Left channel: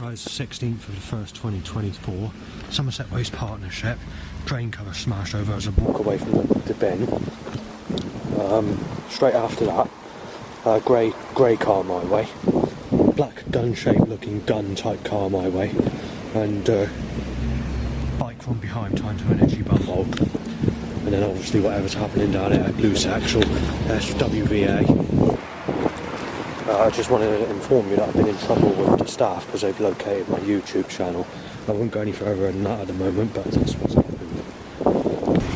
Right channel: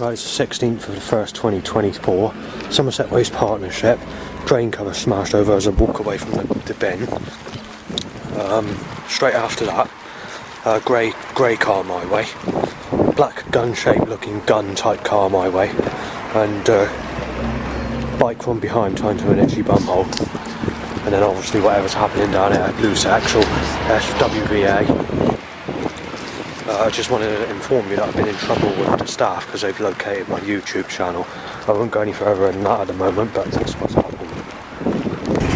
Right, it's the 16th of the 1st, 2024. Somerset Waste Partnership. Drain cover smashed over as I walk away from the bin. Straight after that, grey car my way. Black gun-shaped looking gun-type car my way. And bike from behind trying to an itchy bum hole. And then obviously whatever's happening down here, loose axle, SWVA. I just wanted to inform you that I've been in trouble with the staff because they've located my YouTube channel. I won't go any further than that at the moment, but that's what's happened.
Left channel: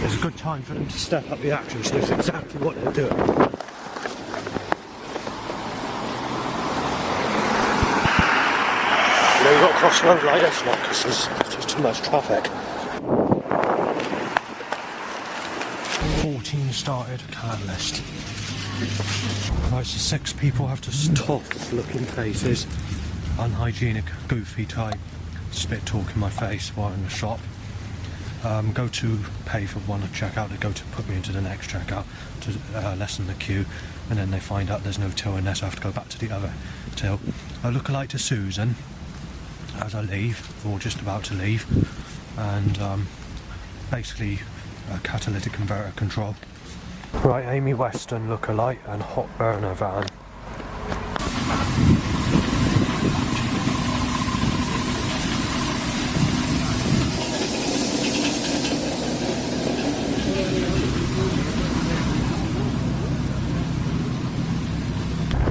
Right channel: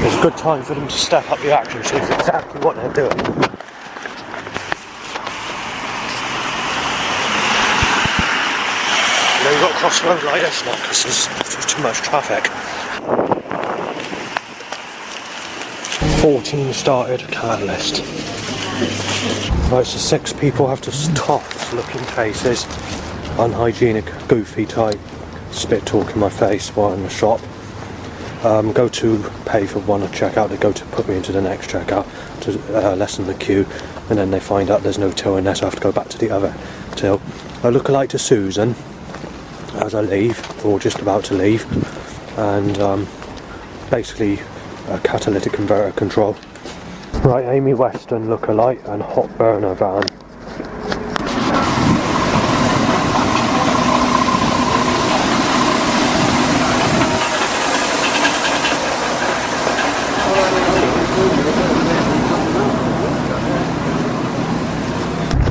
It's a good time for them to step up the action, so it's exactly what they're doing. You know, you've got to cross the road like this now because there's too much traffic. 14 started catalyst. Right, so 6 people have to tough looking faces, unhygienic, goofy type, spit talk in my face while in the shop. Go to pay for one checkout, they go to put me into the next checkout to lessen the queue, and then they find out there's no till in there, so I have to go back to the other till. I look alike to Susan as I leave, or just about to leave, and basically a catalytic converter control. Right, Amy Weston look-alike and hot burner van.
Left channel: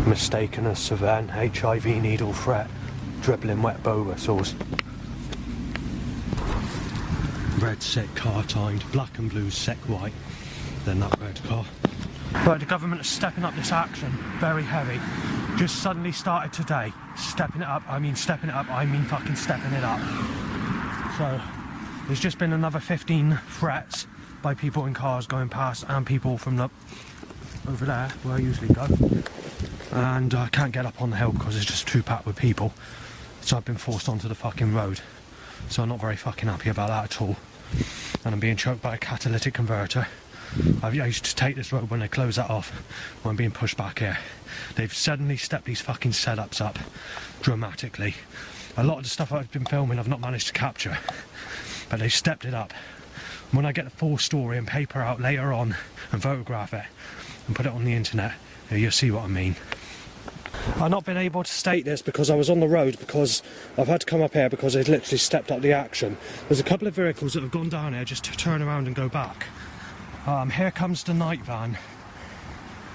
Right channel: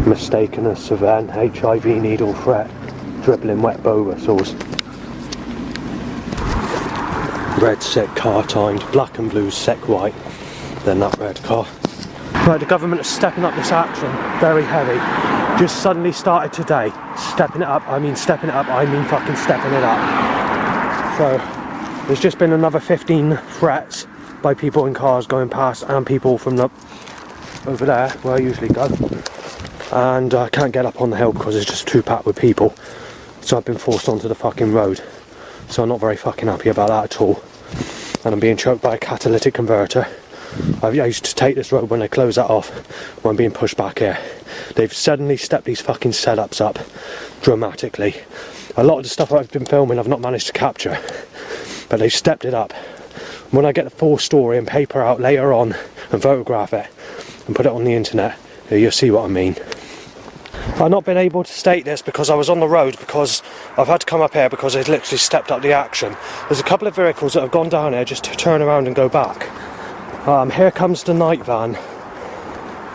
Mistaken as Savan, HIV needle threat, dribbling wet bow whistles. Red sick car timed, black and blue sick white. Then that red car. Right, the government is stepping up this action, very heavy. Just suddenly started today. Stepping it up, I mean fucking stepping it up. So, there's just been another 15 threats by people in cars going past and people from over there, where I usually go. And I can't get up on the hill because it's just too packed with people. So I've been forced onto the fucking road. So I'm not very fucking happy about that at all. And I'm being choked by a catalytic converter. I used to take this road when they close that off, when I'm being pushed back here. They've suddenly stepped these fucking setups up dramatically. A lot of the stuff I've been filming I've not managed to capture, but they've stepped it up. When I get the full story and paper out later on and photograph it and put it on the internet, you'll see what I mean. I've not been able to state this because I was on the road, because I've had to come up here because they've literally stepped up the action. There's a couple of vehicles that have gone down here just to turn around and go back. Here comes the night van,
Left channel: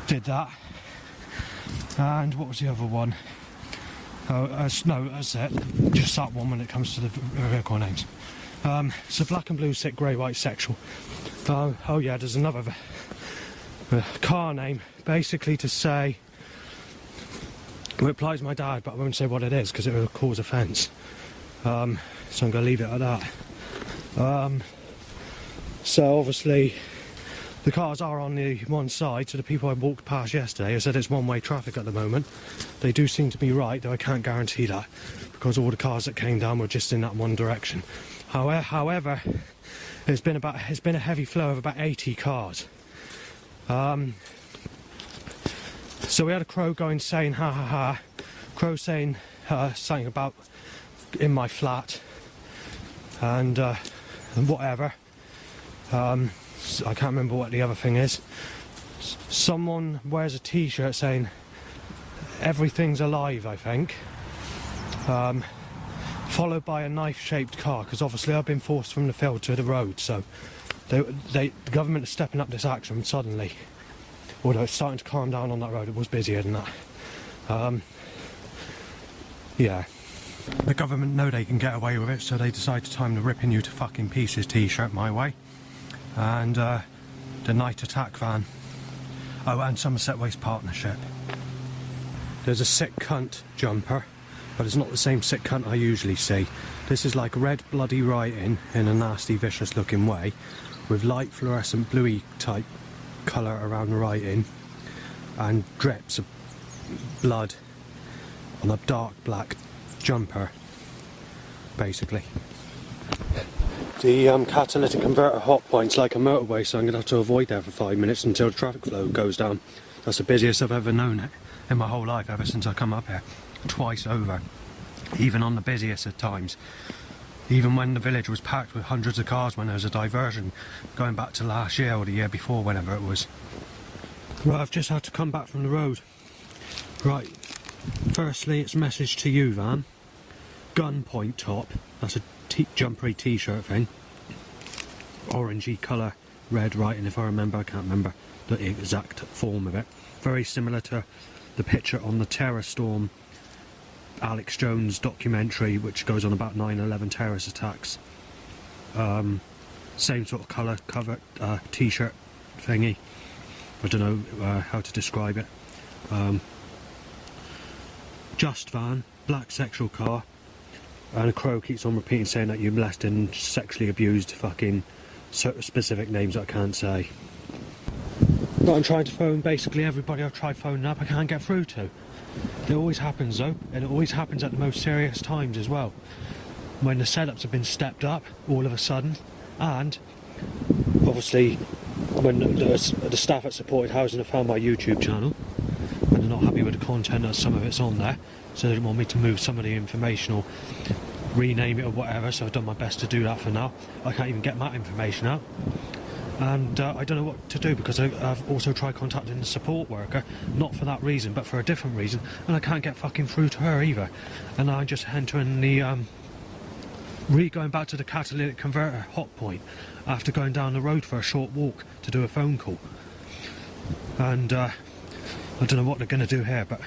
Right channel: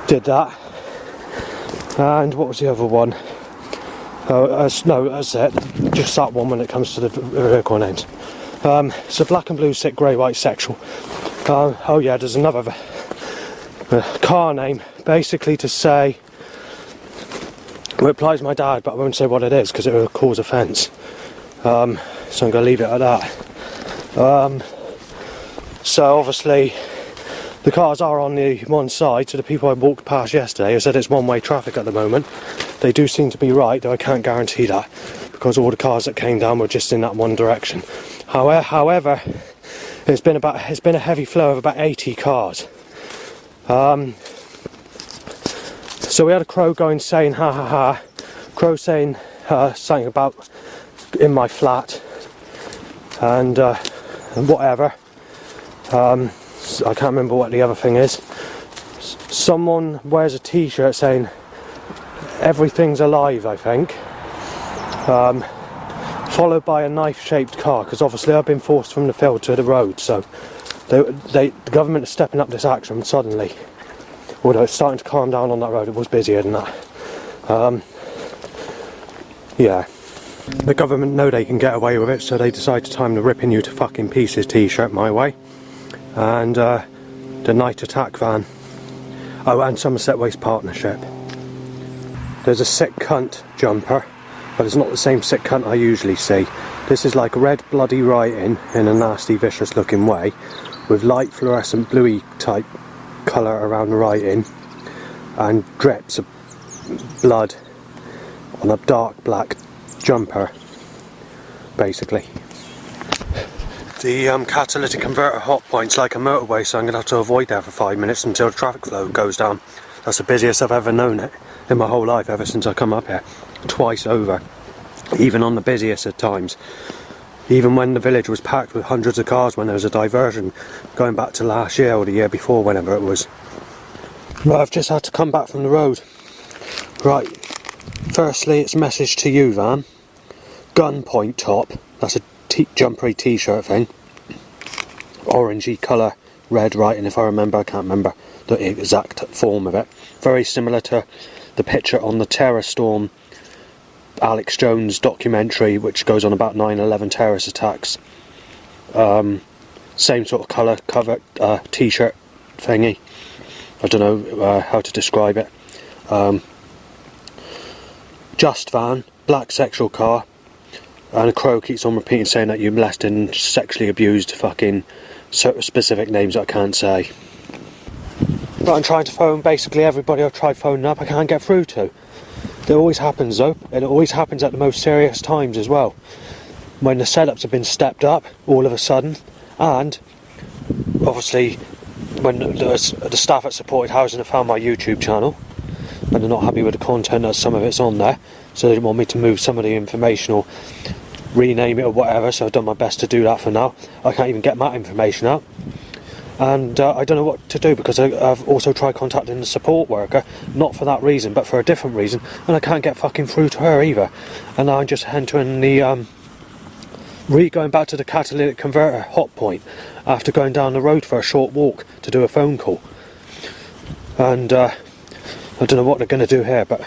did that, and what was the other one? No, that's it, just that one when it comes to the vehicle end. So black and blue, sick, grey, white, sexual. Oh yeah, there's another car name, basically to say, well, it applies to my dad, but I won't say what it is because it will cause offence. So I'm going to leave it at that. So obviously, the cars are on the one side, so the people I walked past yesterday who said it's one-way traffic at the moment, they do seem to be right, though I can't guarantee that, because all the cars that came down were just in that one direction. However, it's been a heavy flow of about 80 cars. So we had a crow going saying ha ha ha, crow saying something about in my flat, and whatever. I can't remember what the other thing is. Someone wears a t-shirt saying everything's alive, I think. Followed by a knife-shaped car, because obviously I've been forced from the field to the road, so the government is stepping up this action suddenly. Although it's starting to calm down on that road, it was busier than that. Yeah. The government know they can get away with it, so they decide to time the ripping you to fucking pieces t-shirt my way. And the night attack van. Oh, and Somerset Waste Partnership. There's a sick cunt jumper, but it's not the same sick cunt I usually see. This is like red bloody writing in a nasty vicious looking way, with light fluorescent bluey type colour around the writing, and drips of blood on a dark black jumper, basically. The catalytic converter hot point's like a motorway, so I'm going to have to avoid there for 5 minutes until the traffic flow goes down. That's the busiest I've ever known it in my whole life, ever since I come up here, twice over. even on the busiest of times. Even when the village was packed with hundreds of cars when there was a diversion, going back to last year or the year before, whenever it was. Right, I've just had to come back from the road. Right, firstly it's a message to you, Van. Gunpoint top, that's a jumpery t-shirt thing. Orangey colour, red writing if I remember, I can't remember the exact form of it. Very similar to the picture on the Terror Storm Alex Jones documentary, which goes on about 9/11 terrorist attacks. Same sort of colour, cover, t-shirt thingy. I don't know how to describe it. Just Van, black sexual car, and a crow keeps on repeating saying that you molested and sexually abused fucking certain specific names that I can't say. But I'm trying to phone basically everybody I've tried phoning up, I can't get through to. It always happens though, and it always happens at the most serious times as well. When the setups have been stepped up all of a sudden, and obviously when the staff at Supported Housing have found my YouTube channel and they're not happy with the content that some of it's on there, so they want me to move some of the information or rename it or whatever, so I've done my best to do that for now. I can't even get that information out. And I don't know what to do, because I've also tried contacting the support worker, not for that reason but for a different reason, and I can't get fucking through to her either. And now I'm just entering the going back to the catalytic converter hot point after going down the road for a short walk to do a phone call. And I don't know what they're going to do here, but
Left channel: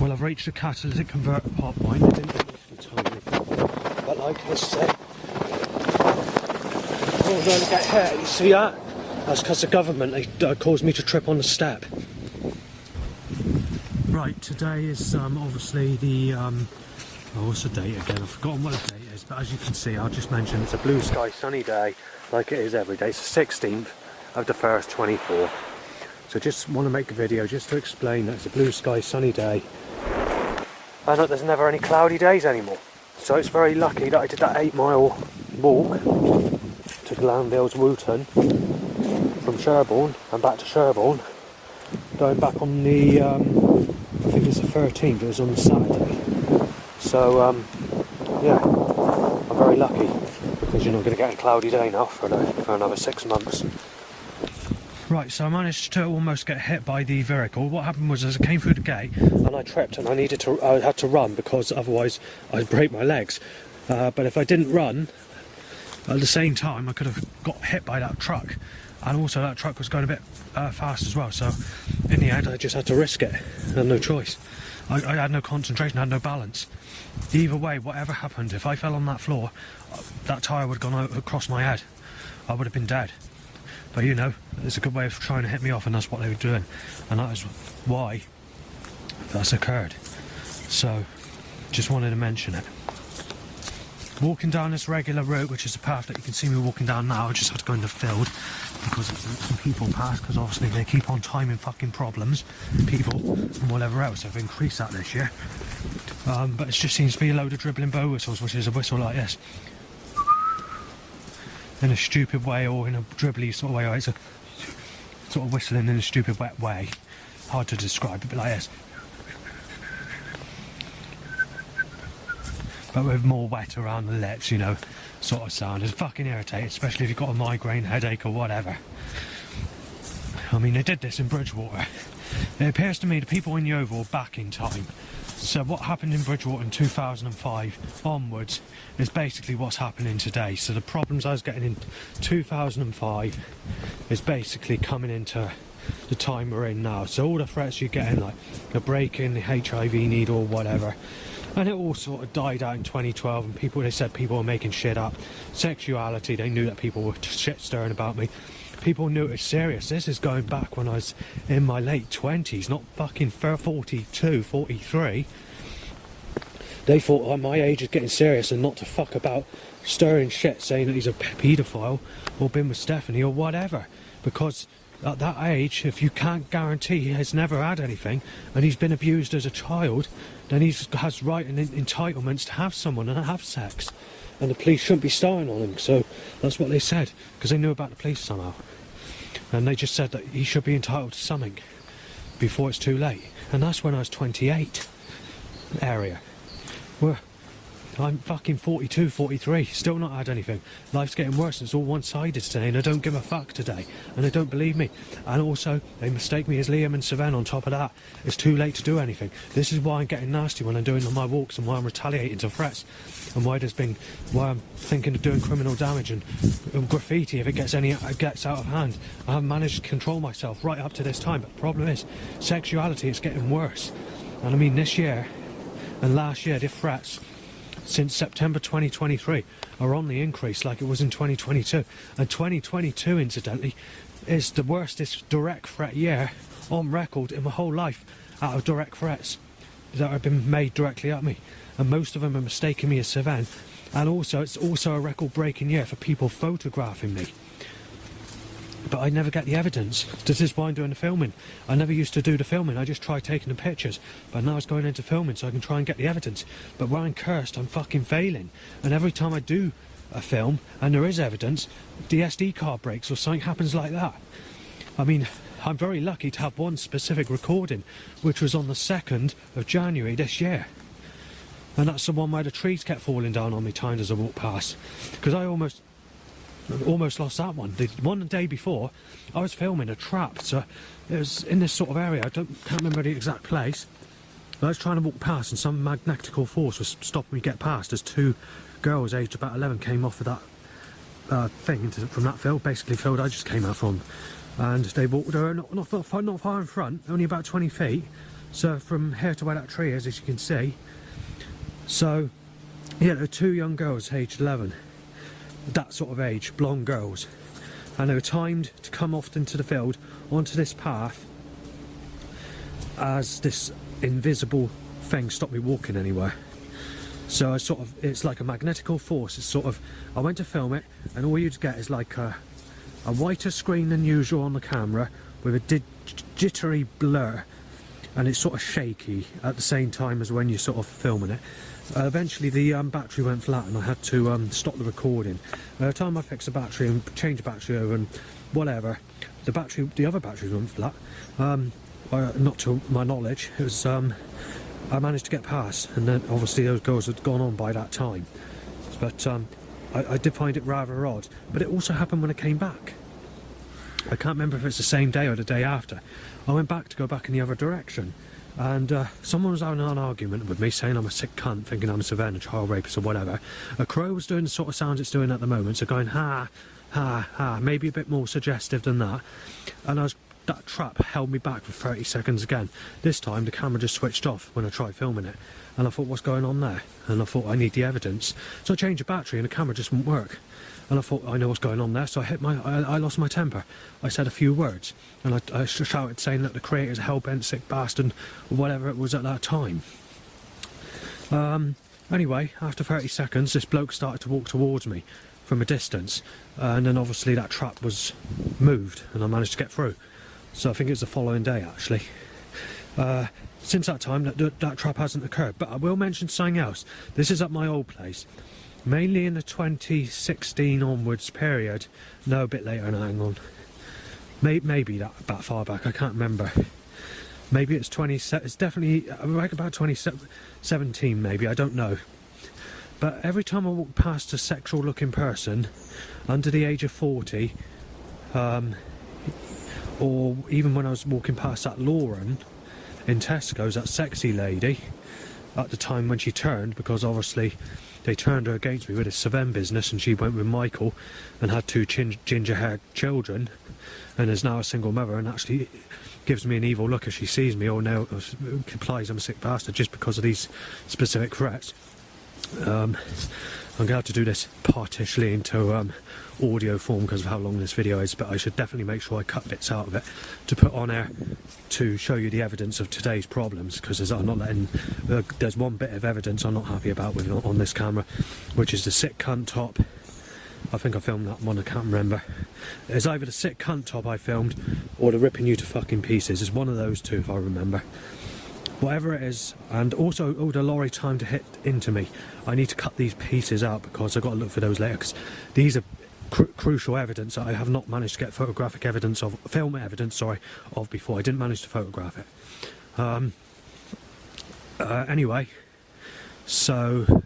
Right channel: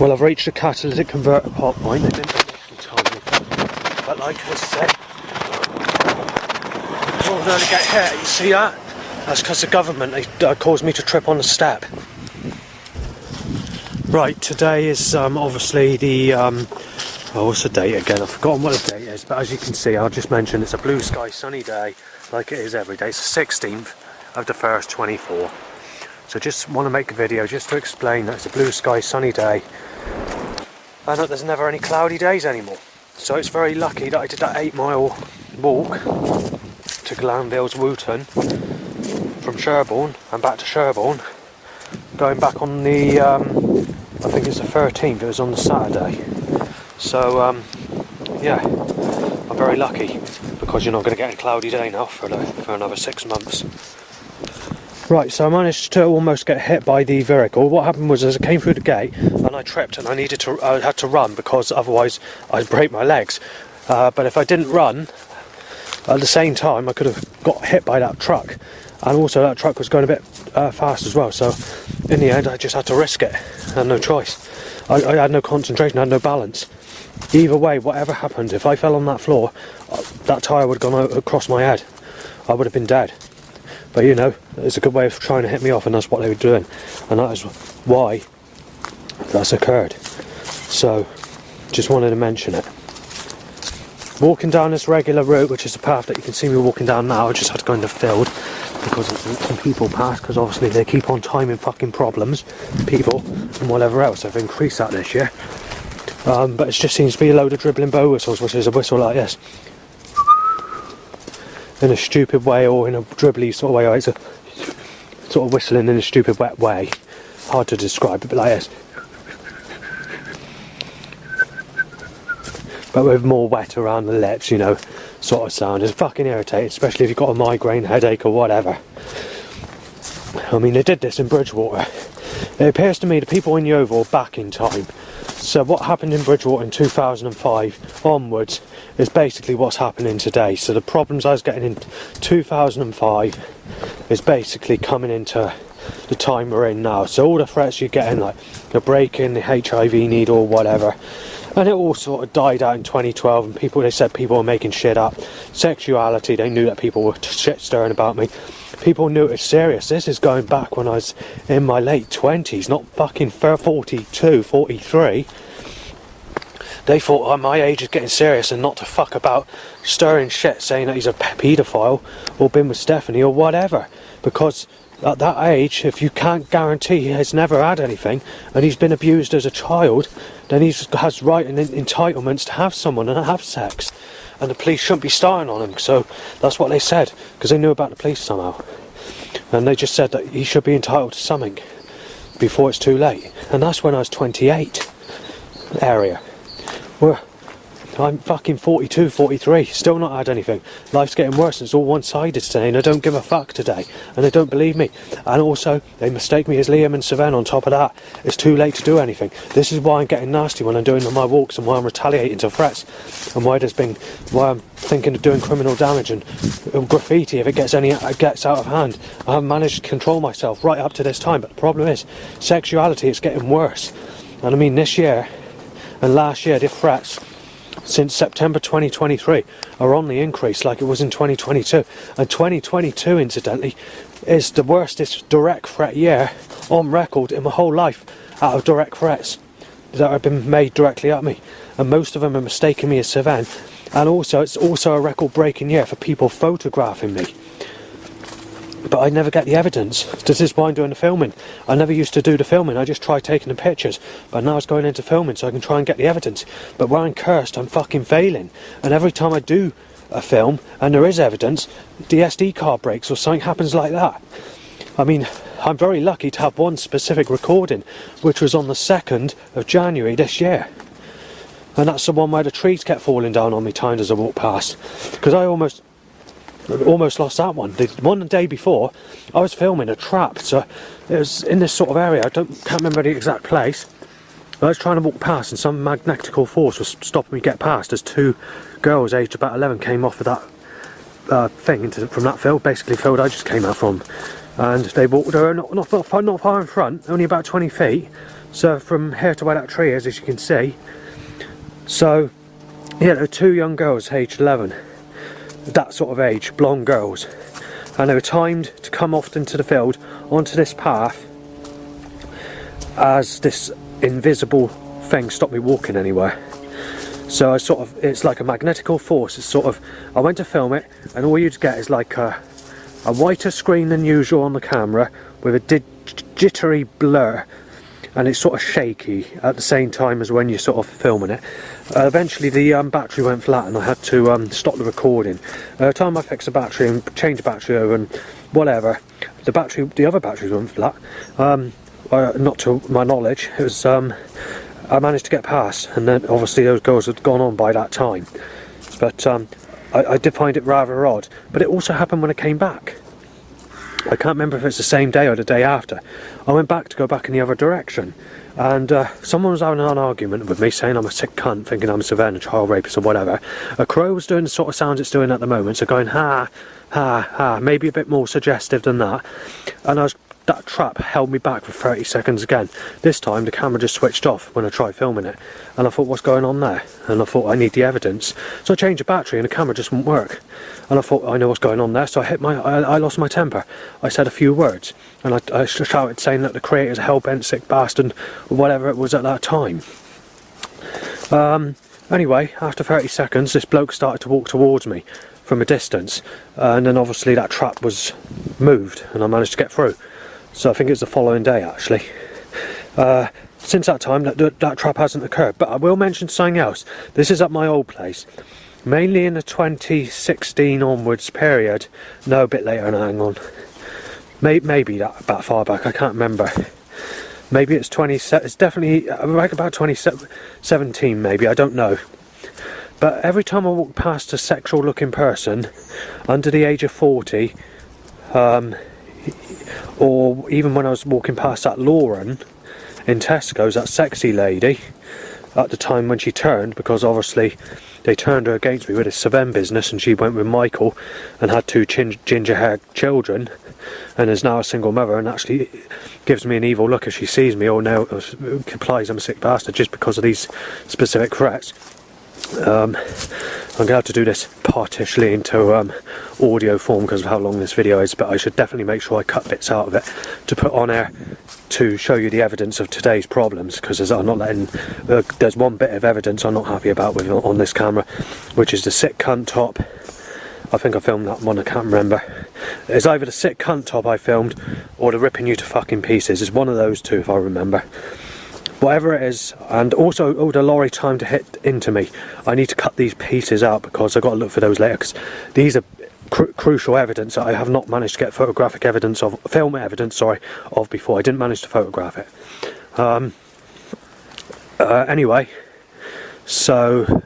well, I've reached the catalytic converter hot point. They didn't initially tell me, but like I said, I will nearly get hit. You see that? That's because the government caused me to trip on the step. Right, today is obviously the what's the date again? I've forgotten what the date is, but as you can see, I'll just mention it's a blue sky sunny day like it is every day. It's the 16th of the 1st, 24. So just want to make a video just to explain that it's a blue sky sunny day and that there's never any cloudy days anymore. So it's very lucky that I did that 8-mile walk to Glandales Wooton from Sherborne and back to Sherborne, going back on the I think it's the 13th, it was on the Saturday. So yeah, I'm very lucky, because you're not going to get a cloudy day now for another 6 months. Right, so I managed to almost get hit by the vehicle. What happened was, as I came through the gate and I tripped and I had to run, because otherwise I'd break my legs. But if I didn't run at the same time, I could have got hit by that truck, and also that truck was going a bit fast as well. So in the end I just had to risk it. I had no choice. I had no concentration, I had no balance. Either way, whatever happened, if I fell on that floor, that tyre would have gone across my head. I would have been dead. But you know, it's a good way of trying to hit me off, and that's what they were doing. And that is why that's occurred. So, just wanted to mention it. Walking down this regular route, which is the path that you can see me walking down now, I just had to go in the field because some people pass, because obviously they keep on timing fucking problems, people, and whatever else. I've increased that this year. But it just seems to be a load of dribbling bow whistles, which is a whistle like this. In a stupid way, or in a dribbly sort of way, or it's a sort of whistling in a stupid wet way. Hard to describe, but like this. But with more wet around the lips, you know, sort of sound. It's fucking irritating, especially if you've got a migraine, headache or whatever. I mean, they did this in Bridgewater. It appears to me the people in Yeovil are back in time. So what happened in Bridgewater in 2005 onwards is basically what's happening today. So the problems I was getting in 2005 is basically coming into the time we're in now. So all the threats you're getting, like the break-in, the HIV needle or whatever, and it all sort of died out in 2012, and they said people were making shit up. Sexuality, they knew that people were shit stirring about me. People knew it was serious. This is going back when I was in my late 20s, not fucking 42, 43. They thought, oh, my age is getting serious, and not to fuck about stirring shit, saying that he's a paedophile or been with Stephanie or whatever. Because at that age, if you can't guarantee he has never had anything and he's been abused as a child, then he has right and entitlements to have someone and have sex. And the police shouldn't be starting on him. So that's what they said, because they knew about the police somehow. And they just said that he should be entitled to something before it's too late. And that's when I was 28 area. Well, I'm fucking 42, 43, still not had anything. Life's getting worse and it's all one-sided today and I don't give a fuck today. And they don't believe me. And also, they mistake me as Liam and Savannah on top of that. It's too late to do anything. This is why I'm getting nasty when I'm doing my walks and why I'm retaliating to threats. And why I'm thinking of doing criminal damage and graffiti if it gets out of hand. I haven't managed to control myself right up to this time. But the problem is, sexuality is getting worse. And I mean, this year and last year, the threats since September 2023 are on the increase like it was in 2022, and 2022 incidentally is the worstest direct threat year on record in my whole life out of direct threats that have been made directly at me, and most of them are mistaking me as Savannah. And also it's also a record breaking year for people photographing me, but I never get the evidence. This is why I'm doing the filming. I never used to do the filming, I just try taking the pictures. But now it's going into filming so I can try and get the evidence. But where I'm cursed, I'm fucking failing. And every time I do a film and there is evidence, the SD card breaks or something happens like that. I mean, I'm very lucky to have one specific recording, which was on the 2nd of January this year. And that's the one where the trees kept falling down on me timed as I walked past. Because I almost lost that one. The one the day before, I was filming a trap, so it was in this sort of area. Can't remember the exact place. I was trying to walk past, and some magnetical force was stopping me get past. As two girls aged about 11 came off of that thing from that field, basically field I just came out from, and they walked. They were not far in front, only about 20 feet. So from here to where that tree is, as you can see. So yeah, there were two young girls aged 11. That sort of age, blonde girls, and they were timed to come off into the field onto this path as this invisible thing stopped me walking anywhere. So it's like a magnetical force. It's sort of, I went to film it and all you'd get is like a whiter screen than usual on the camera with a jittery blur, and it's sort of shaky at the same time as when you're sort of filming it. Eventually the battery went flat and I had to stop the recording. Time I fixed the battery and changed the battery over and whatever, the other batteries went flat. Not to my knowledge. It was I managed to get past, and then obviously those girls had gone on by that time. But I did find it rather odd. But it also happened when I came back. I can't remember if it's the same day or the day after. I went back to go back in the other direction, and someone was having an argument with me saying I'm a sick cunt, thinking I'm a Savannah child rapist or whatever. A crow was doing the sort of sounds it's doing at the moment, so going ha, ha, ha, maybe a bit more suggestive than that. And that trap held me back for 30 seconds again. This time the camera just switched off when I tried filming it, and I thought, what's going on there? And I thought, I need the evidence. So I changed the battery and the camera just wouldn't work. And I thought, I know what's going on there, so I lost my temper. I said a few words, and I shouted saying that the creator's a hell-bent sick bastard, or whatever it was at that time. Anyway, after 30 seconds, this bloke started to walk towards me from a distance, and then obviously that trap was moved, and I managed to get through. So I think it's the following day, actually. Since that time, that trap hasn't occurred. But I will mention something else. This is at my old place. Mainly in the 2016 onwards period. No, a bit later, no, hang on. Maybe that far back, I can't remember. Maybe it's it's definitely like about 2017 maybe, I don't know. But every time I walk past a sexual looking person under the age of 40, or even when I was walking past that Lauren in Tesco's, that sexy lady, at the time when she turned, because obviously they turned her against me with this Savannah business, and she went with Michael and had two ginger-haired children, and is now a single mother, and actually gives me an evil look if she sees me, or now implies I'm a sick bastard just because of these specific threats. I'm going to have to do this partially into audio form because of how long this video is, but I should definitely make sure I cut bits out of it to put on air to show you the evidence of today's problems, because I'm not letting there's one bit of evidence I'm not happy about on this camera, which is the sick cunt top. I think I filmed that one, I can't remember. It's either the sick cunt top I filmed or the ripping you to fucking pieces. It's one of those two if I remember. Whatever it is, and also the lorry time to hit into me. I need to cut these pieces out because I've got to look for those later, because these are crucial evidence that I have not managed to get photographic evidence of, film evidence, sorry, of before. I didn't manage to photograph it. Anyway, So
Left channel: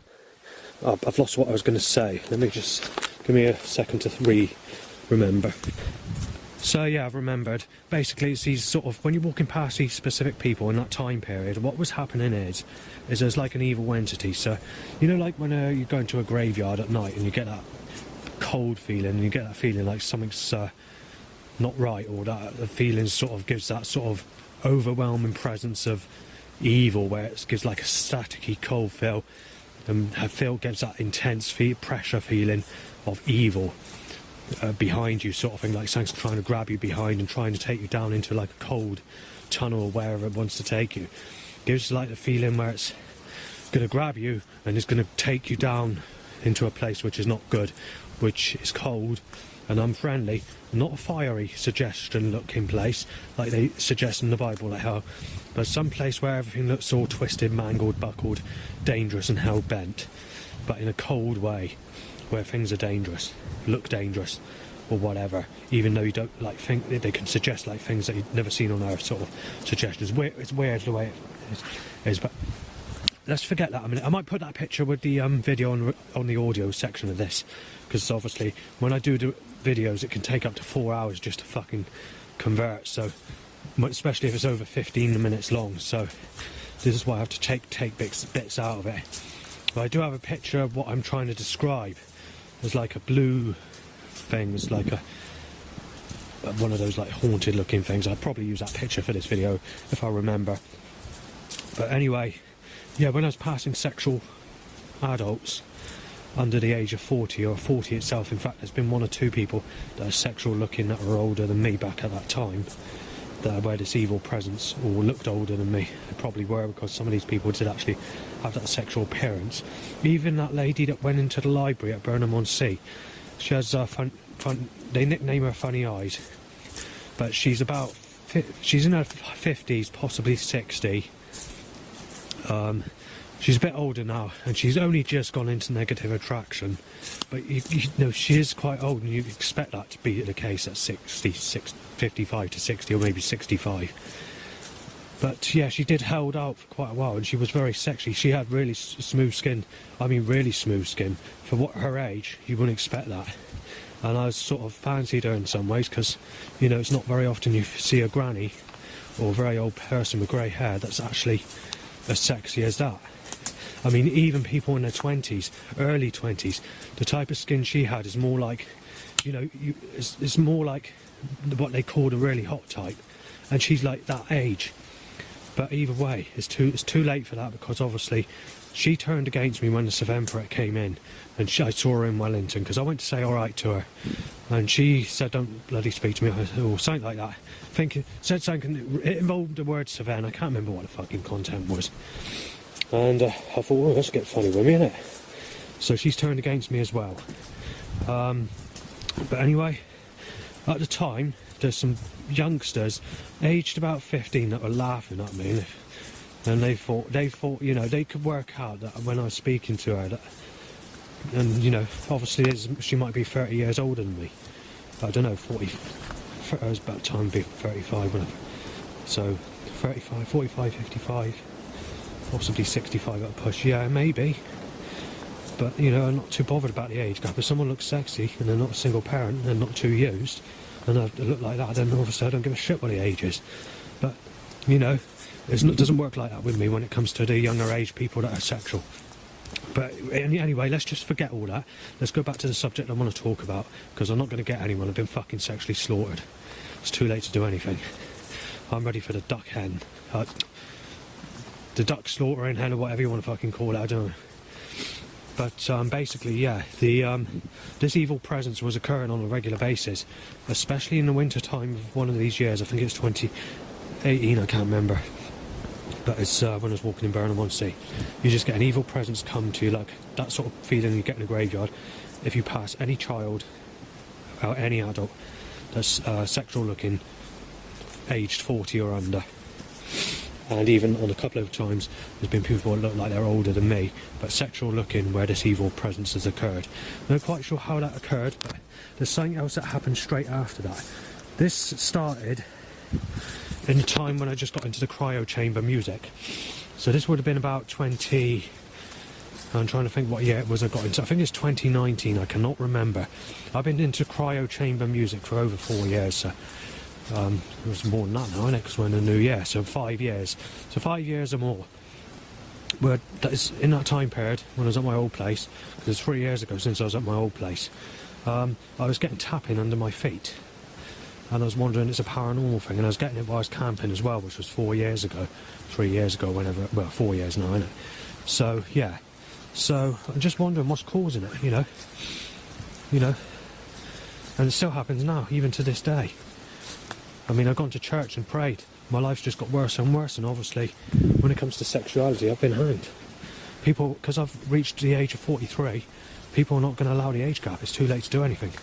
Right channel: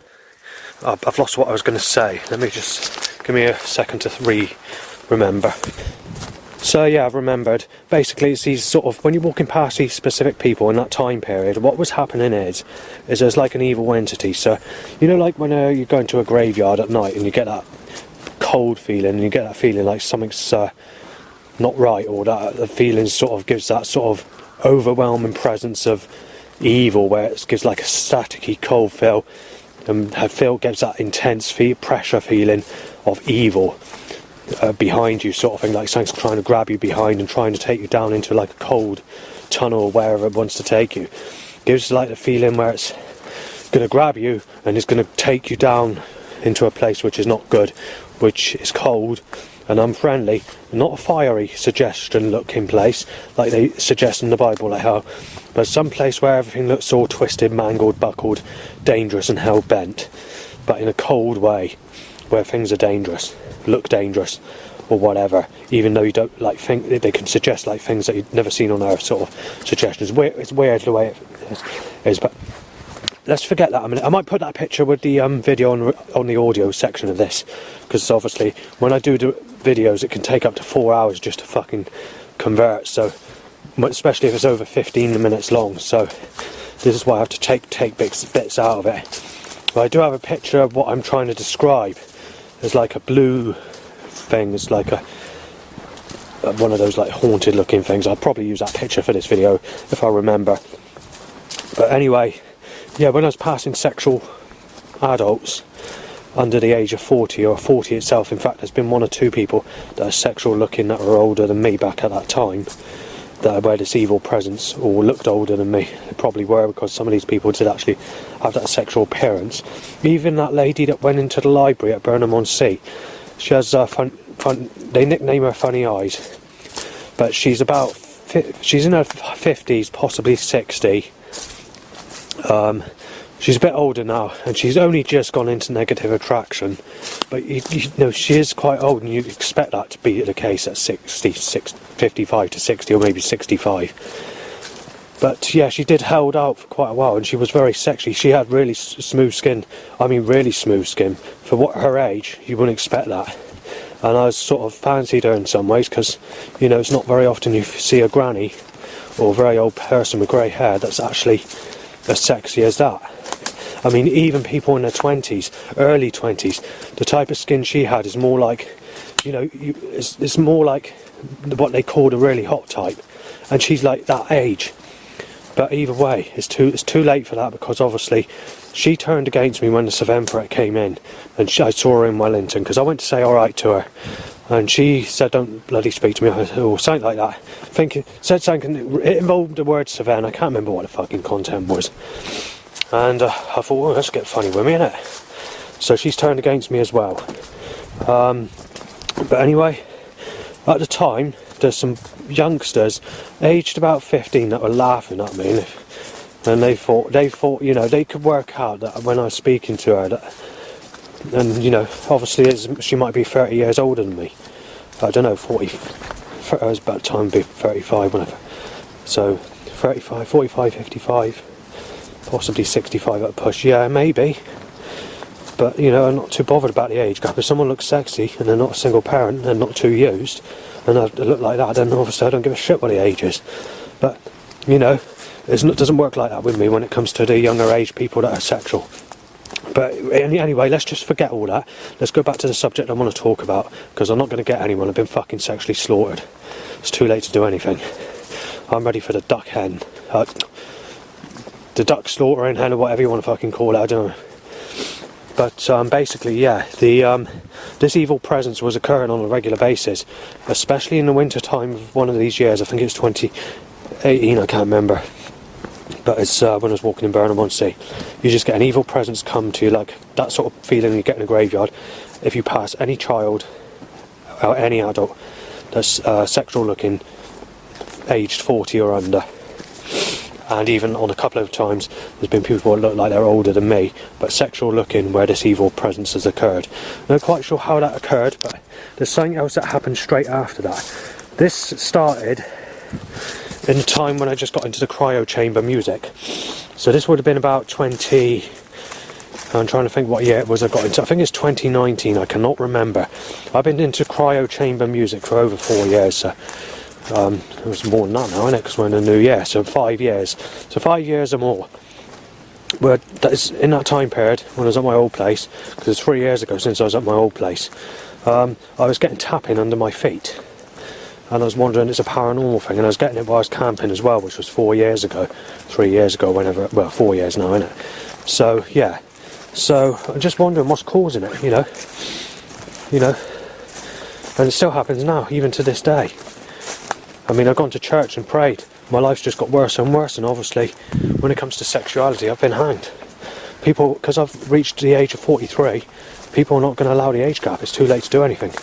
I've lost what I was going to say. Let me just give me a second to remember. So yeah, I've remembered. Basically, it's these sort of, when you're walking past these specific people in that time period, what was happening is there's like an evil entity. So, you know, like when you're going to a graveyard at night and you get that cold feeling, and you get that feeling like something's not right, or that the feeling sort of gives that sort of overwhelming presence of evil, where it gives like a staticky cold feel, and gives that intense pressure feeling of evil. Behind you, sort of thing, like something's trying to grab you behind and trying to take you down into like a cold tunnel or wherever it wants to take you. Gives like the feeling where it's going to grab you and it's going to take you down into a place which is not good, which is cold and unfriendly, not a fiery suggestion looking place like they suggest in the Bible, like how, but some place where everything looks all twisted, mangled, buckled, dangerous and hell bent, but in a cold way, where things are dangerous, look dangerous or whatever, even though you don't like think they can suggest like things that you've never seen on earth, sort of suggestions. It's weird the way it is, but let's forget that a minute. I might put that picture with the video on the audio section of this, because obviously when I do videos it can take up to 4 hours just to fucking convert, so especially if it's over 15 minutes long, so this is why I have to take bits out of it. But I do have a picture of what I'm trying to describe. There's like a blue thing, it's like one of those like haunted looking things. I'll probably use that picture for this video if I remember. But anyway, yeah, when I was passing sexual adults under the age of 40 or 40 itself, in fact there's been 1 or 2 people that are sexual looking that were older than me back at that time, that were this evil presence, or looked older than me. They probably were, because some of these people did actually have that sexual appearance. Even that lady that went into the library at Burnham-on-Sea, she has they nickname her Funny Eyes, but she's in her 50s, possibly 60. She's a bit older now, and she's only just gone into negative attraction, but you know, she is quite old, and you expect that to be the case at 55 to 60, or maybe 65. But yeah, she did hold out for quite a while, and she was very sexy. She had really smooth skin. I mean, really smooth skin. For what her age, you wouldn't expect that. And I sort of fancied her in some ways, because, you know, it's not very often you see a granny or a very old person with grey hair that's actually as sexy as that. I mean, even people in their 20s, early 20s, the type of skin she had is more like, you know, it's more like what they call the really hot type, and she's like that age. But either way, it's too late for that, because obviously she turned against me when the Sevemperate came in, and I saw her in Wellington, because I went to say alright to her, and she said, "Don't bloody speak to me," or something like that. Said something, it involved the word Seven, I can't remember what the fucking content was. And I thought, well, let's get funny with me, innit? So she's turned against me as well. But anyway, at the time, there's some youngsters aged about 15 that were laughing at me, and they thought, you know, they could work out that when I was speaking to her, that, and you know, obviously she might be 30 years older than me. I don't know, 40. I was about time to be 35 whenever. So 35, 45, 55. Possibly 65 at a push, yeah, maybe. But, you know, I'm not too bothered about the age gap. If someone looks sexy and they're not a single parent and not too used, and they look like that, then obviously I don't give a shit what the age is. But, you know, it doesn't work like that with me when it comes to the younger age people that are sexual. But anyway, let's just forget all that. Let's go back to the subject I want to talk about, because I'm not going to get anyone. I've been fucking sexually slaughtered. It's too late to do anything. I'm ready for the duck hen. The duck slaughtering hen, or whatever you want to fucking call it, I don't know. But basically, yeah, this evil presence was occurring on a regular basis, especially in the winter time of one of these years. I think it's 2018, I can't remember. But it's when I was walking in Burnham-on-Sea. You just get an evil presence come to you, like that sort of feeling you get in a graveyard if you pass any child or any adult that's sexual looking, aged 40 or under. And even on a couple of times, there's been people that look like they're older than me, but sexual looking, where this evil presence has occurred. I'm not quite sure how that occurred, but there's something else that happened straight after that. This started in the time when I just got into the cryo chamber music. So this would have been about 20, I'm trying to think what year it was I got into. I think it's 2019, I cannot remember. I've been into cryo chamber music for over 4 years, so it was more than that now, isn't it? Because we're in a new year, so 5 years. So 5 years or more. But that is in that time period when I was at my old place, because it's 3 years ago since I was at my old place, I was getting tapping under my feet. And I was wondering, it's a paranormal thing, and I was getting it while I was camping as well, which was 4 years ago, 3 years ago, whenever, well, 4 years now, isn't it? So, yeah. So, I'm just wondering what's causing it, you know? And it still happens now, even to this day. I mean, I've gone to church and prayed. My life's just got worse and worse, and obviously, when it comes to sexuality, I've been hanged. People, because I've reached the age of 43, people are not going to allow the age gap. It's too late to do anything.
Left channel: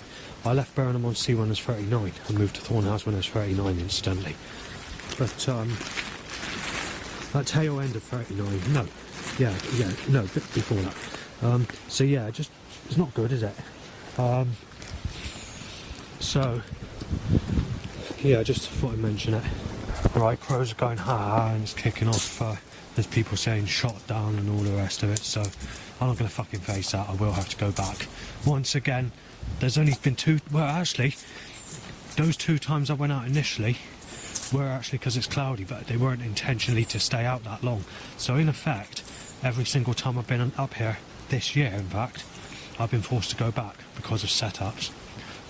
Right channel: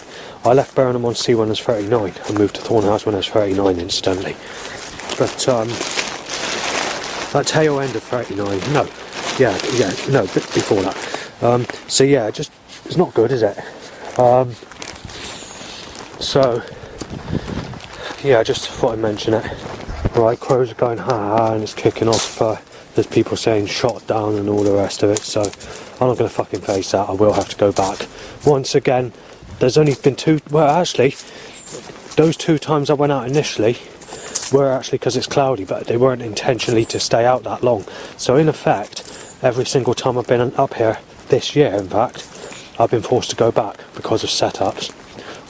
I left Burnham-on-Sea when I was 39. I moved to Thornhouse when I was 39, incidentally. But, that tail end of 39, no. No, a bit before that. So yeah, just, it's not good, is it? So, yeah, I just thought I'd mention it. Right, crows are going ha-ha, and it's kicking off. There's people saying shot down and all the rest of it, so I'm not going to fucking face that. I will have to go back. Once again, there's only been two, well actually, those 2 times I went out initially were actually because it's cloudy, but they weren't intentionally to stay out that long. So in effect, every single time I've been up here, this year in fact, I've been forced to go back because of setups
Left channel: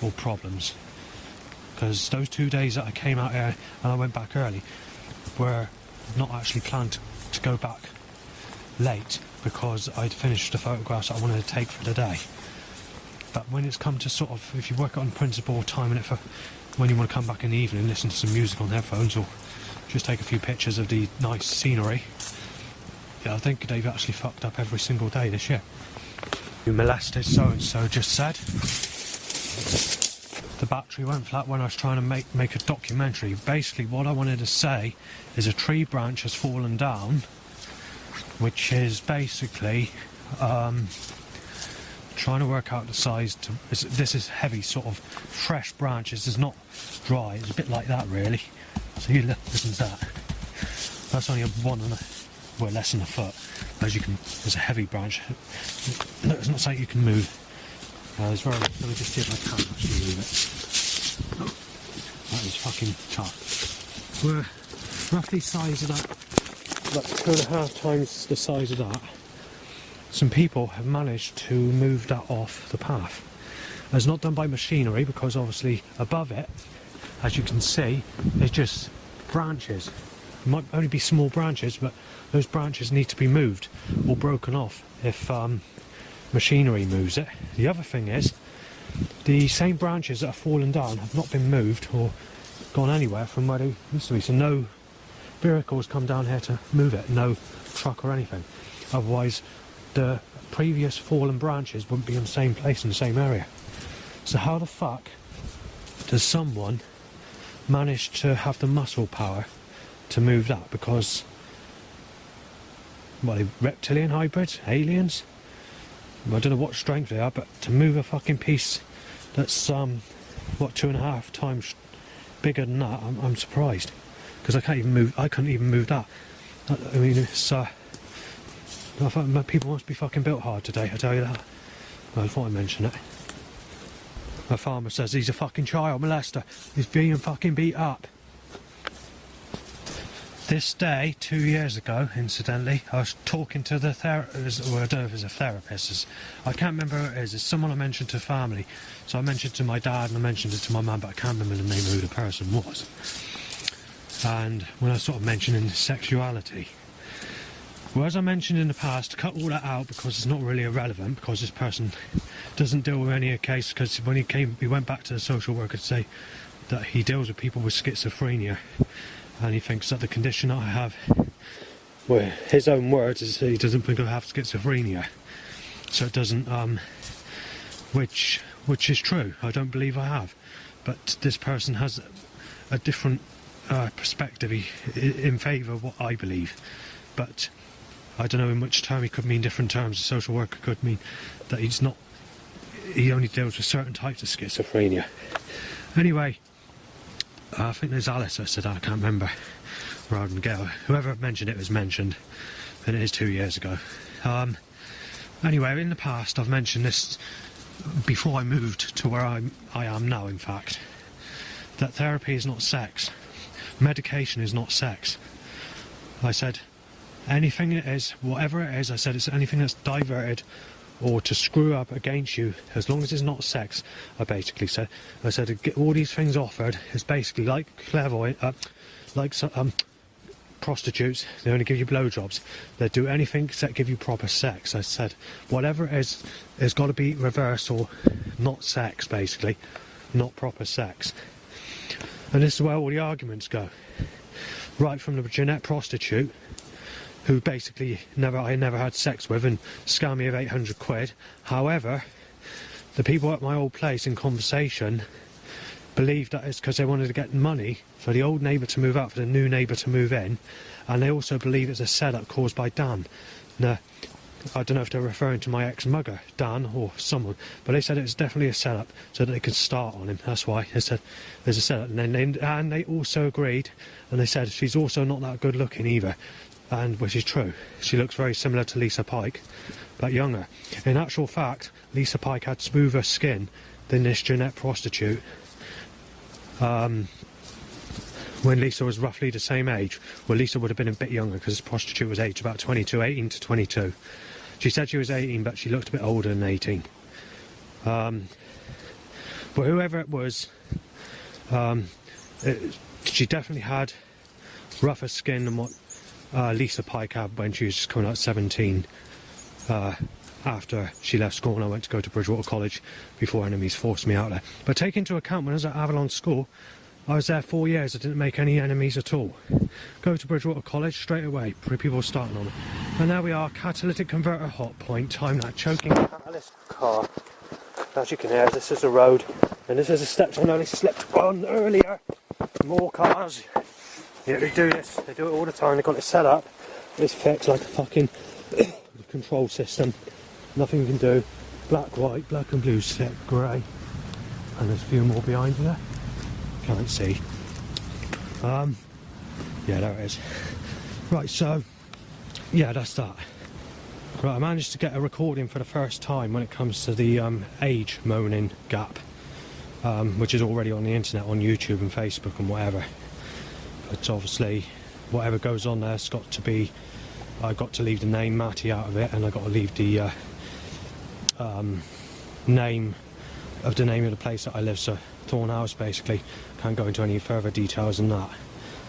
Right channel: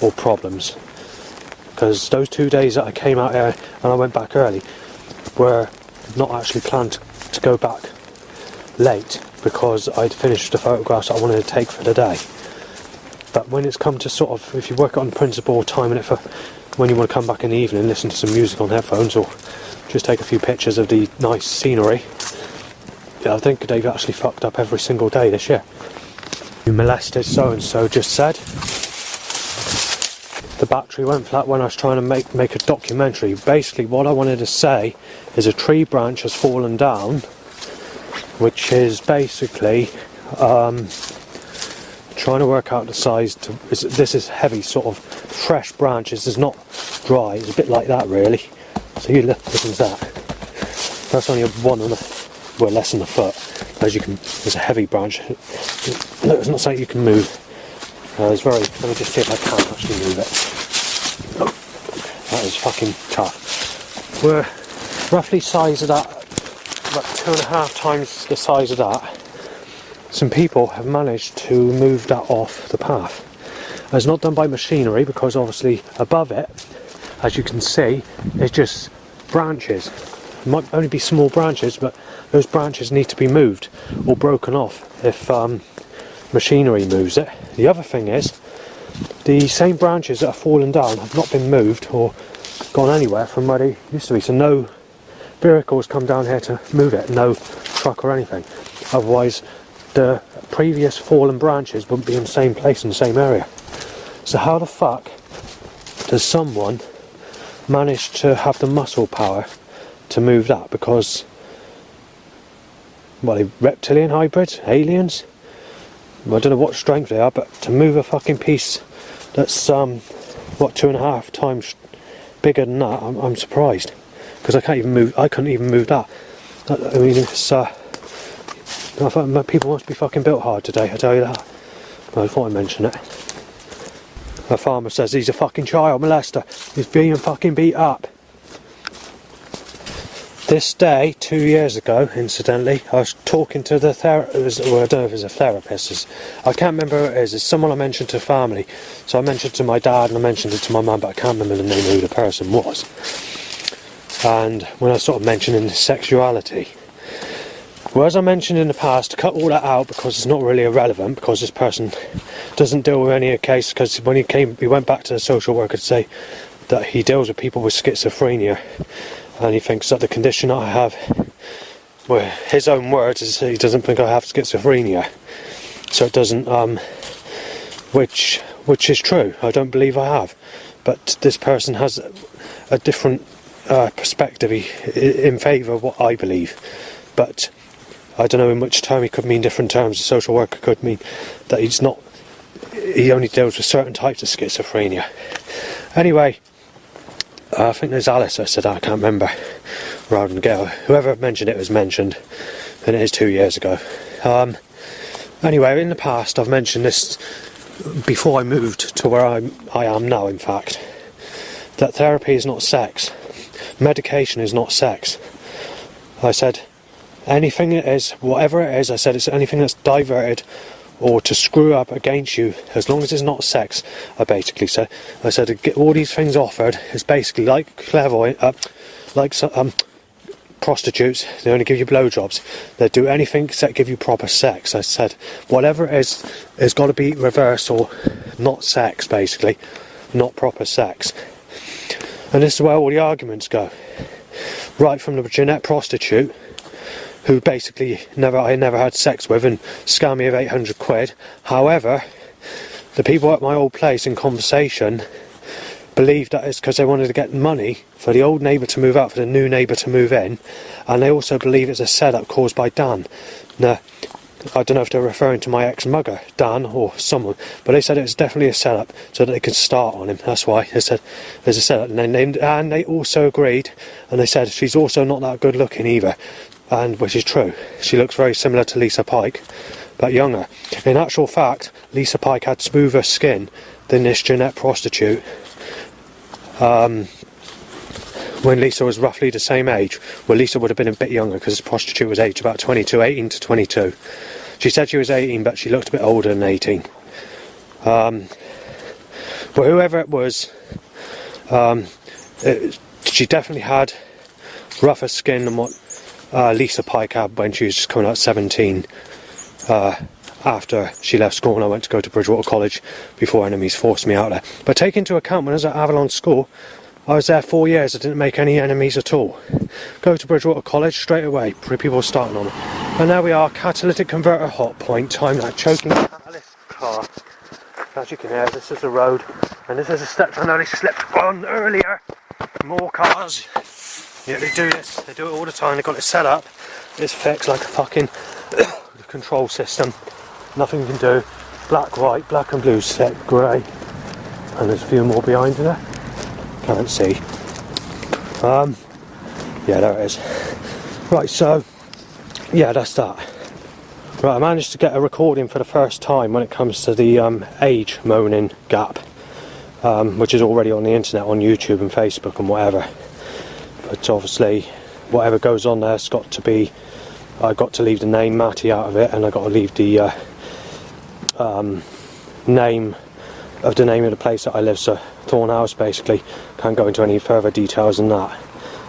or problems. Because those 2 days that I came out here and I went back early were not actually planned to go back late, because I'd finished the photographs that I wanted to take for the day. But when it's come to sort of, if you work on principle, timing it for when you want to come back in the evening, listen to some music on headphones, or just take a few pictures of the nice scenery, yeah, I think they've actually fucked up every single day this year. You molested so-and-so just said. The battery went flat when I was trying to make a documentary. Basically, what I wanted to say is a tree branch has fallen down, which is basically trying to work out the size. This is heavy, sort of fresh branches. It's not dry. It's a bit like that, really. So you listen to that. That's only well, less than a foot. As you can, it's a heavy branch. No, it's not something you can move. It's very. Let me just see if I can actually move it. Oh, that is fucking tough. We're roughly size of that, about 2.5 times the size of that. Some people have managed to move that off the path. It's not done by machinery, because obviously above it, as you can see, it's just branches. It might only be small branches, but those branches need to be moved or broken off if machinery moves it. The other thing is, the same branches that are fallen down have not been moved or gone anywhere from where they used to be. So no vehicles come down here to move it, no truck or anything. Otherwise, the previous fallen branches wouldn't be in the same place in the same area. So how the fuck does someone manage to have the muscle power to move that? Because, well, they reptilian hybrids, aliens? I don't know what strength they are, but to move a fucking piece that's what, 2.5 times bigger than that, I'm surprised, because I couldn't even move that. I mean, it's I thought people must be fucking built hard today, I tell you that. I thought I'd mention it. A farmer says he's a fucking child molester. He's being fucking beat up. This day, 2 years ago, incidentally, I was talking to the therapist, well, I don't know if it's a therapist, I can't remember who it is. It's someone I mentioned to family. So I mentioned it to my dad and I mentioned it to my mum, but I can't remember the name of who the person was. And when I was sort of mentioning sexuality, well, as I mentioned in the past, cut all that out because it's not really irrelevant, because this person doesn't deal with any of the case, because when he went back to the social worker to say that he deals with people with schizophrenia, and he thinks that the condition I have, well, his own words is he doesn't think I have schizophrenia. So it doesn't, which is true. I don't believe I have. But this person has a different perspective in favour of what I believe. But I don't know in which term he could mean different terms. A social worker could mean that he only deals with certain types of schizophrenia. Anyway, I think there's Alice, I said, I can't remember, rather than Gail. Whoever mentioned it was mentioned, and it is 2 years ago. Anyway, in the past I've mentioned this before I moved to where I am now, in fact, that therapy is not sex. Medication is not sex. I said anything it is, whatever it is, I said it's anything that's diverted or to screw up against you, as long as it's not sex, I basically said. I said to get all these things offered is basically like clairvoyant, prostitutes. They only give you blowjobs. They do anything except give you proper sex. I said whatever it is, it's got to be reverse or not sex, basically, not proper sex. And this is where all the arguments go. Right from the Jeanette prostitute, who basically I never had sex with and scammed me of 800 quid. However, the people at my old place in conversation believed that it's because they wanted to get money for the old neighbour to move out, for the new neighbour to move in, and they also believe it's a setup caused by Dan. Now, I don't know if they're referring to my ex-mugger, Dan, or someone, but they said it was definitely a setup so that they could start on him. That's why they said there's a setup. And they also agreed, and they said she's also not that good looking either, and which is true. She looks very similar to Lisa Pike, but younger. In actual fact, Lisa Pike had smoother skin than this Jeanette prostitute. When Lisa was roughly the same age. Well, Lisa would have been a bit younger because this prostitute was aged about 22, 18 to 22. She said she was 18, but she looked a bit older than 18. But whoever it was, she definitely had rougher skin than what Lisa Pike had when she was just coming out 17. After she left school and I went to go to Bridgewater College before enemies forced me out there. But take into account when I was at Avalon School, I was there 4 years, I didn't make any enemies at all. Go to Bridgewater College straight away, people were starting on it. And there we are, catalytic converter hot point, time that choking catalyst car. As you can hear, this is the road, and this is the steps I know they slipped on earlier. More cars. Yeah, they do this, they do it all the time, they've got it set up. It's fixed like a fucking control system. Nothing you can do. Black, white, black and blue set, grey. And there's a few more behind there. Can't see. Yeah, there it is. Right, so yeah, that's that. Right, I managed to get a recording for the first time when it comes to the age moaning gap, which is already on the internet, on YouTube and Facebook and whatever. But obviously, whatever goes on there's got to be. I got to leave the name Matty out of it, and I got to leave the name of the place that I live, so Thorn House basically. Can't go into any further details than that.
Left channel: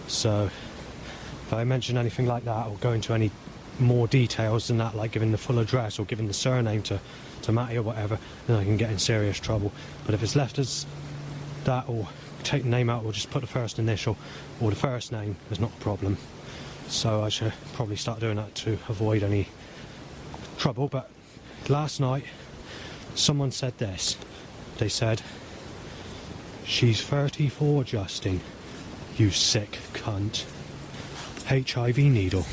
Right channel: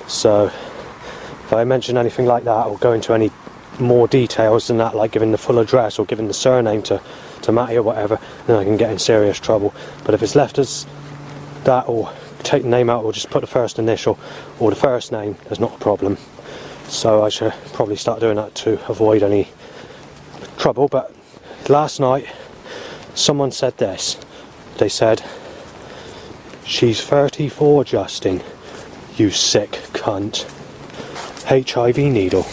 So if I mention anything like that or go into any more details than that, like giving the full address or giving the surname to Matty or whatever, then I can get in serious trouble. But if it's left as that, or take the name out, or just put the first initial or the first name, there's not a problem. So I should probably start doing that to avoid any trouble. But last night someone said this. They said, "She's 34, Justin, you sick cunt. HIV needle."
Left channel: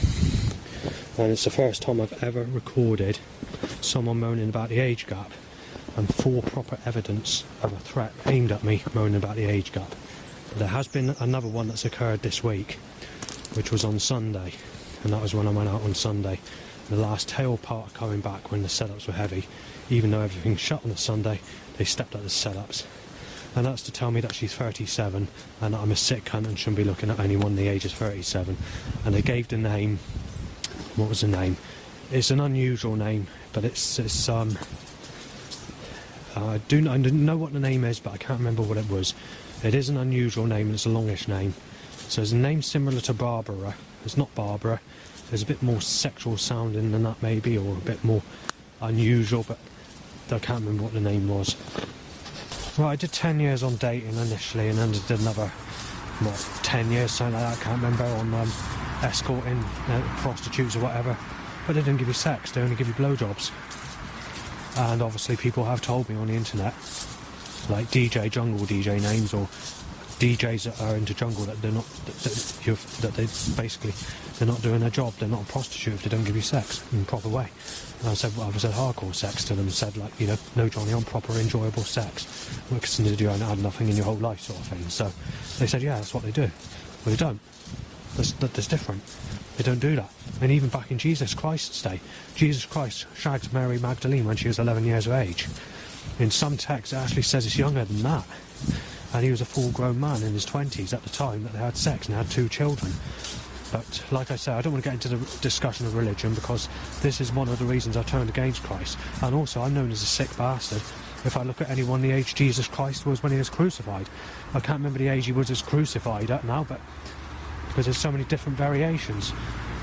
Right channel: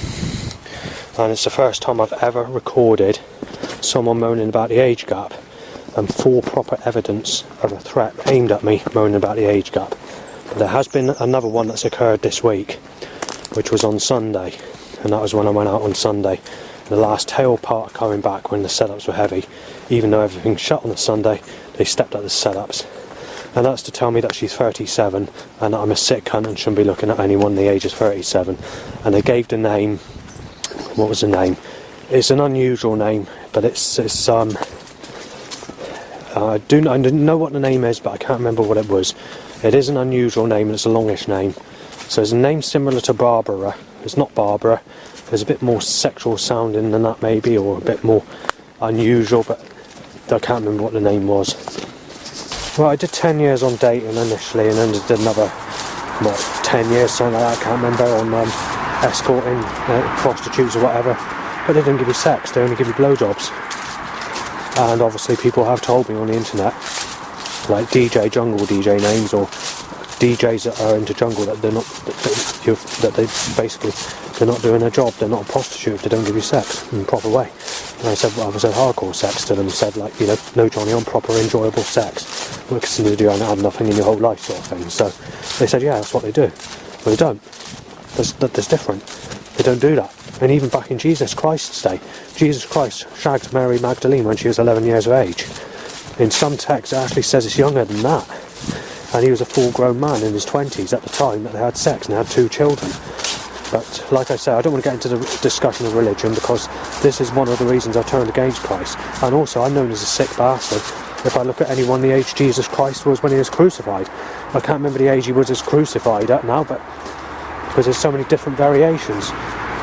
And it's the first time I've ever recorded someone moaning about the age gap and full proper evidence of a threat aimed at me moaning about the age gap. There has been another one that's occurred this week, which was on Sunday, and that was when I went out on Sunday. The last tail part coming back when the setups were heavy, even though everything shut on the Sunday, they stepped up the setups. And that's to tell me that she's 37 and that I'm a sick cunt and shouldn't be looking at anyone the age of 37. And they gave the name. What was the name? It's an unusual name, but it's I didn't know what the name is, but I can't remember what it was. It is an unusual name and it's a longish name. So it's a name similar to Barbara. It's not Barbara. There's a bit more sexual sounding than that maybe, or a bit more unusual, but I can't remember what the name was. Well, I did 10 years on dating initially, and then did another, 10 years, something like that, I can't remember, on escorting prostitutes or whatever. But they didn't give you sex, they only give you blowjobs. And obviously people have told me on the internet, like jungle DJ names, or DJs that are into jungle, that they're not, that they basically, they're not doing their job, they're not a prostitute if they don't give you sex in a proper way. And I said hardcore sex to them, said like, no Johnny, on proper enjoyable sex, because you have nothing in your whole life sort of thing. So they said, yeah, that's what they do. Well, they don't. That's different. They don't do that. And even back in Jesus Christ's day, Jesus Christ shagged Mary Magdalene when she was 11 years of age. In some texts it actually says it's younger than that. And he was a full-grown man in his 20s at the time that they had sex and they had 2 children. But like I say, I don't want to get into the discussion of religion because this is one of the reasons I turned against Christ. And also, I'm known as a sick bastard. If I look at anyone the age Jesus Christ was when he was crucified. I can't remember the age he was crucified at now, but because there's so many different variations.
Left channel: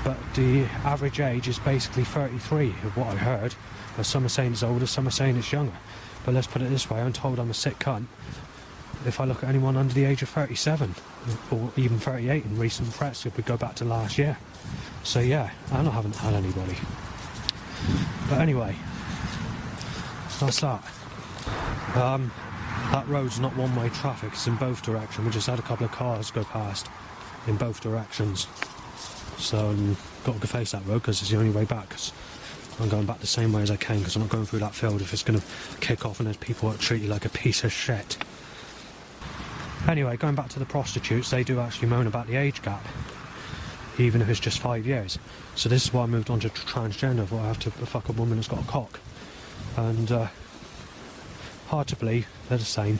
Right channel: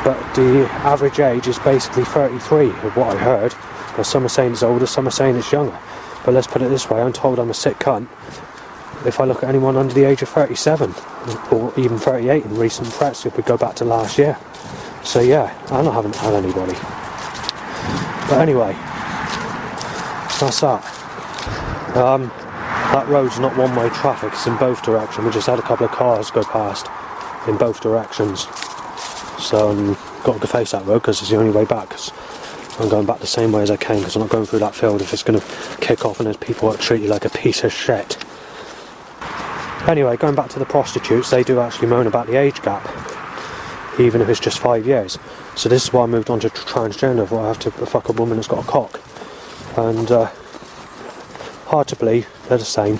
But the average age is basically 33, of what I heard. But some are saying it's older, some are saying it's younger. But let's put it this way, I'm told I'm a sick cunt if I look at anyone under the age of 37 or even 38 in recent press if we go back to last year. So yeah, I haven't had anybody. But anyway, that's that. That road's not one-way traffic, it's in both directions. We just had a couple of cars go past in both directions. So got to face that road because it's the only way back. Cause I'm going back the same way as I came because I'm not going through that field if it's going to kick off and there's people that treat you like a piece of shit. Anyway, going back to the prostitutes, they do actually moan about the age gap, even if it's just 5 years. So this is why I moved on to transgender, where I have to fuck a woman that's got a cock. And hard to believe, they're the same.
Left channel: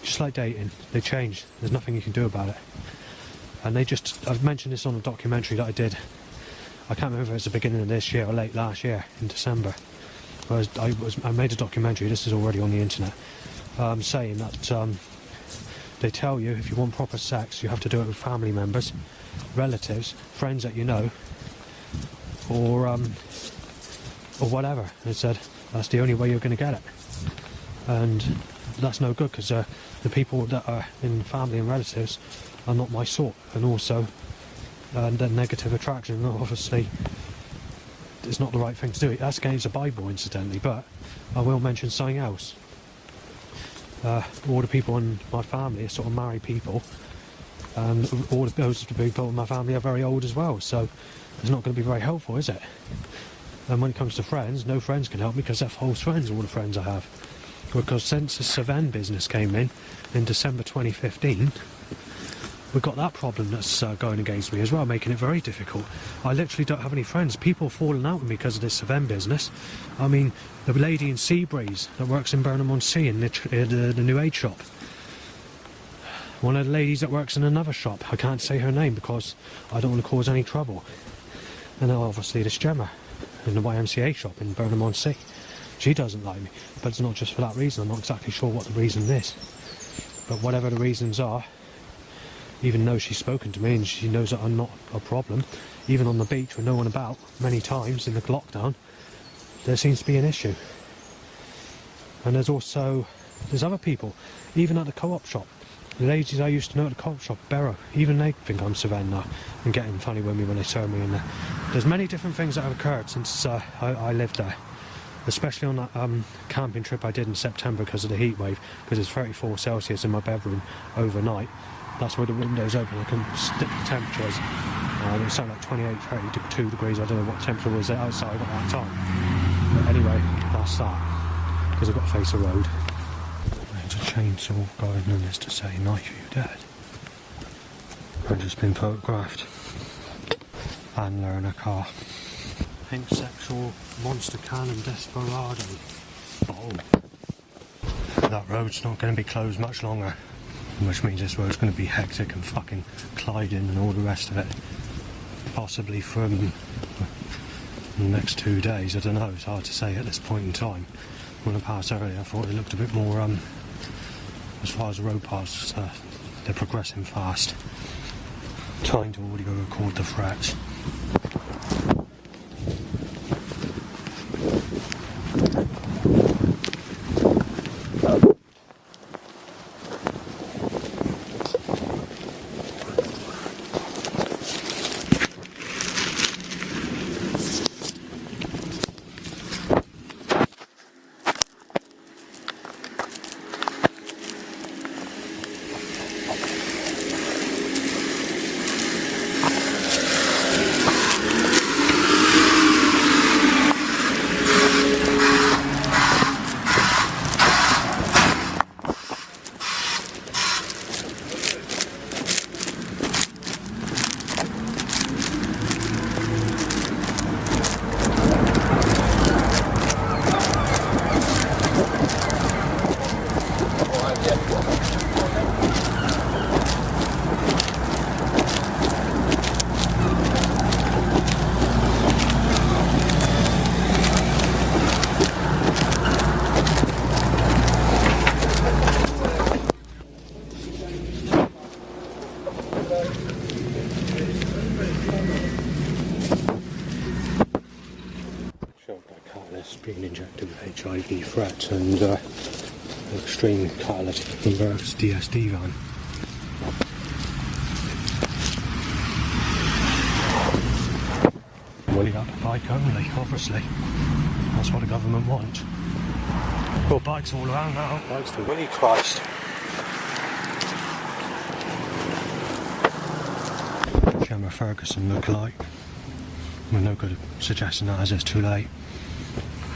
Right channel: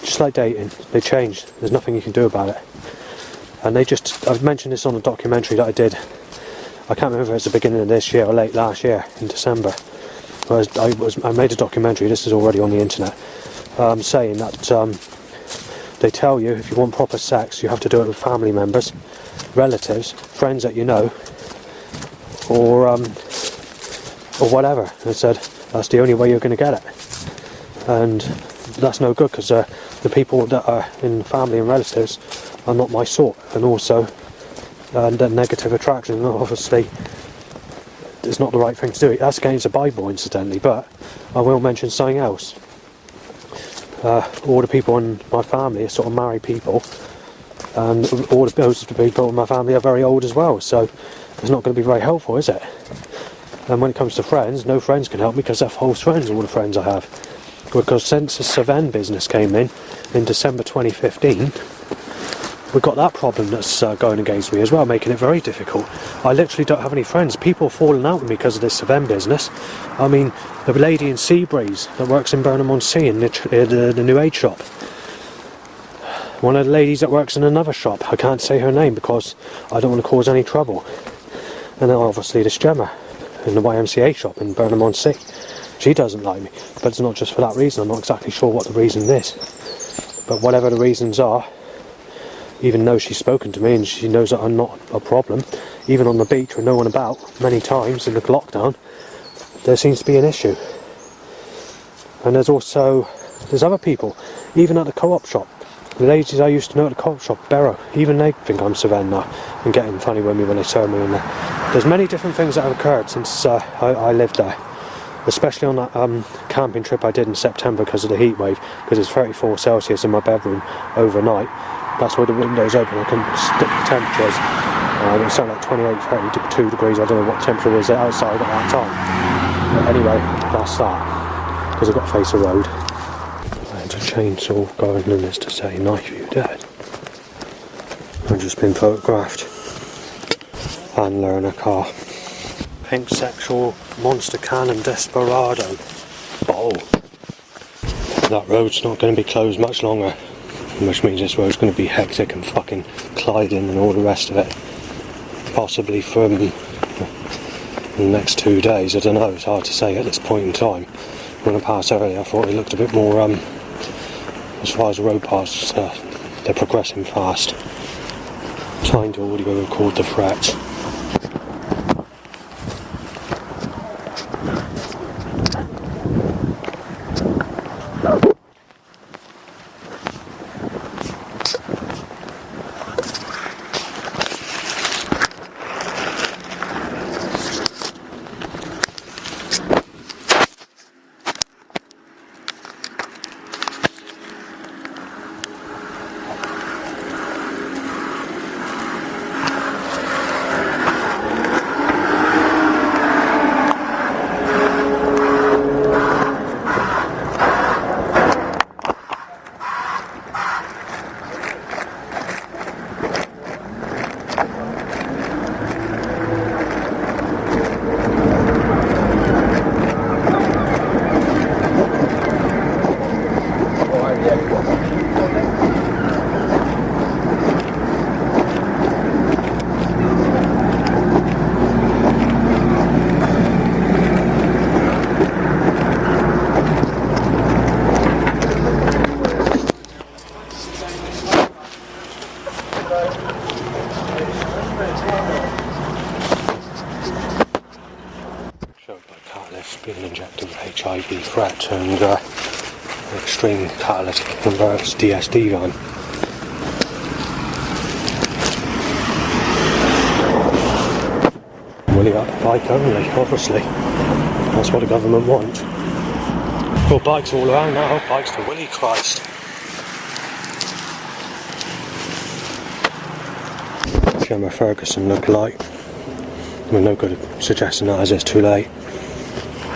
Just like dating, they changed, there's nothing you can do about it. And I've mentioned this on a documentary that I did, I can't remember if it's the beginning of this year or late last year, in December. I made a documentary, this is already on the internet, saying that they tell you if you want proper sex you have to do it with family members, relatives, friends that you know, or whatever. And they said that's the only way you're going to get it. And that's no good because the people that are in family and relatives are not my sort, and also the negative attraction, and obviously it's not the right thing to do. That's against the Bible incidentally, but I will mention something else. All the people in my family are sort of married people, and all those people in my family are very old as well, so it's not going to be very helpful, is it? And when it comes to friends, no friends can help me because they're false friends, all the friends I have. Because since the Seven business came in December 2015, we've got that problem that's going against me as well, making it very difficult. I literally don't have any friends. People are falling out with me because of this Seven business. I mean, the lady in Seabreeze that works in Burnham-on-Sea in the New Age shop. One of the ladies that works in another shop, I can't say her name because I don't want to cause any trouble. And then obviously this Gemma in the YMCA shop in Burnham-on-Sea. She doesn't like me, but it's not just for that reason. I'm not exactly sure what the reason is. But whatever the reasons are, even though she's spoken to me and she knows that I'm not a problem, even on the beach with no one about, many times in the lockdown, there seems to be an issue. And there's other people, even at the co-op shop. The ladies I used to know at the co-op shop, Barrow, even they think I'm Savannah now and getting funny with me when they turn me in there. There's many different things that have occurred since I lived there. Especially on that camping trip I did in September because of the heat wave, because it's 34 Celsius in my bedroom overnight. That's why the window's open, I can stick the temperatures. It was something like 28, 32 degrees, I don't know what temperature was outside at that time. But anyway, that's that, because I've got to face the road. There's a chainsaw going in this to say, knife you dead. I've just been photographed. And learn a car. Pink sexual monster cannon desperado. Oh. That road's not going to be closed much longer, which means this road's going to be hectic and fucking Clyding and all the rest of it. Possibly from the next 2 days, I don't know, it's hard to say at this point in time. When I passed earlier I thought it looked a bit more, as far as the road passes, they're progressing fast. Trying to audio record the threats. being injected with HIV threat and extreme catalytic converters DSD van. Willy up bike only, obviously. That's what the government wants. Got bikes all around now, bikes to Willy Christ. Gemma Ferguson look like. We're no good at suggesting that as it's too late.